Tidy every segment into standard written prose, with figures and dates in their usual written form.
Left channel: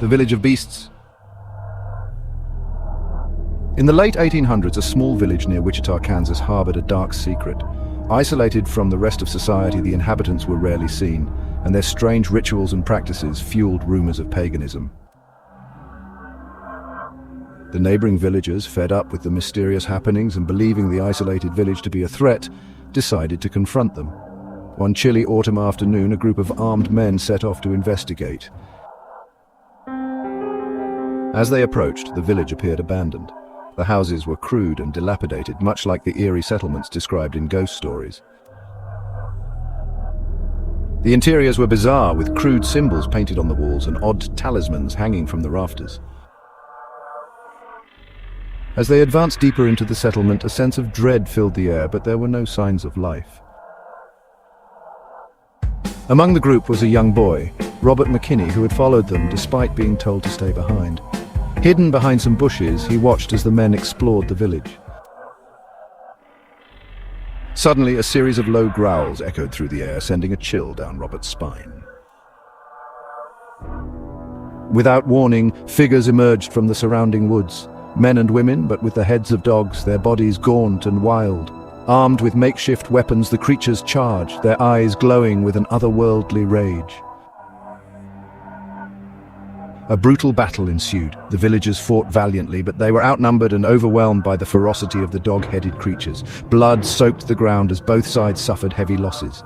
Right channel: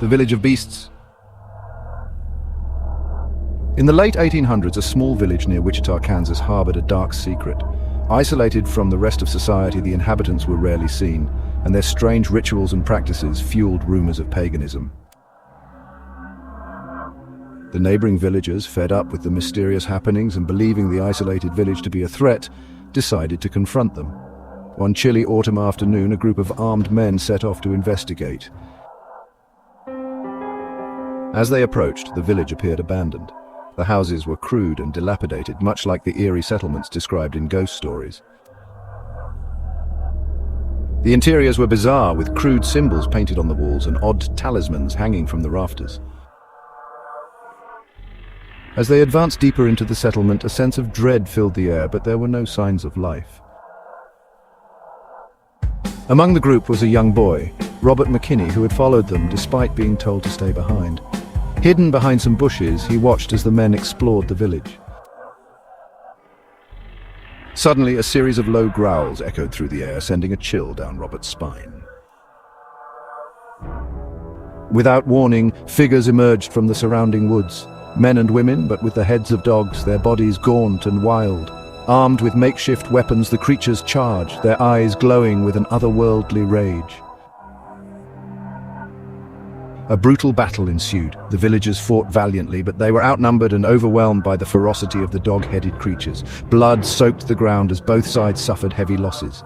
the village of beasts. In the late 1800s, a small village near Wichita, Kansas, harbored a dark secret. Isolated from the rest of society, the inhabitants were rarely seen, and their strange rituals and practices fueled rumors of paganism. The neighboring villagers, fed up with the mysterious happenings and believing the isolated village to be a threat, decided to confront them. One chilly autumn afternoon, a group of armed men set off to investigate. As they approached, the village appeared abandoned. The houses were crude and dilapidated, much like the eerie settlements described in ghost stories. The interiors were bizarre, with crude symbols painted on the walls and odd talismans hanging from the rafters. As they advanced deeper into the settlement, a sense of dread filled the air, but there were no signs of life. Among the group was a young boy, Robert McKinney, who had followed them despite being told to stay behind. Hidden behind some bushes, he watched as the men explored the village. Suddenly, a series of low growls echoed through the air, sending a chill down Robert's spine. Without warning, figures emerged from the surrounding woods. Men and women, but with the heads of dogs, their bodies gaunt and wild. Armed with makeshift weapons, the creatures charged, their eyes glowing with an otherworldly rage. A brutal battle ensued. The villagers fought valiantly, but they were outnumbered and overwhelmed by the ferocity of the dog-headed creatures. Blood soaked the ground as both sides suffered heavy losses.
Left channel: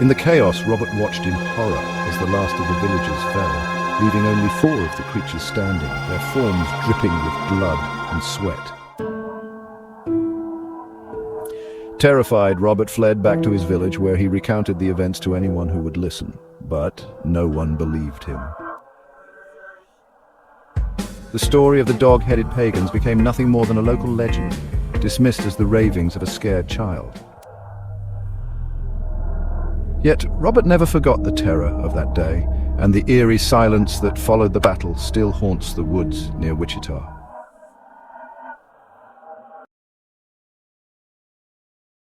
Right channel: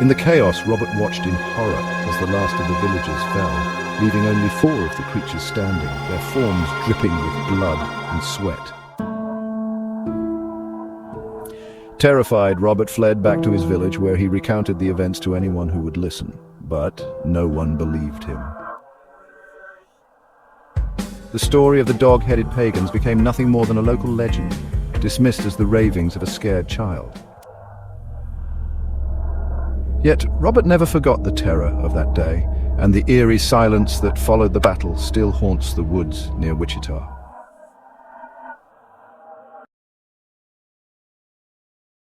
In the chaos, Robert watched in horror as the last of the villagers fell, leaving only 4 of the creatures standing, their forms dripping with blood and sweat. Terrified, Robert fled back to his village, where he recounted the events to anyone who would listen, but no one believed him. The story of the dog-headed pagans became nothing more than a local legend, dismissed as the ravings of a scared child. Yet Robert never forgot the terror of that day, and the eerie silence that followed the battle still haunts the woods near Wichita.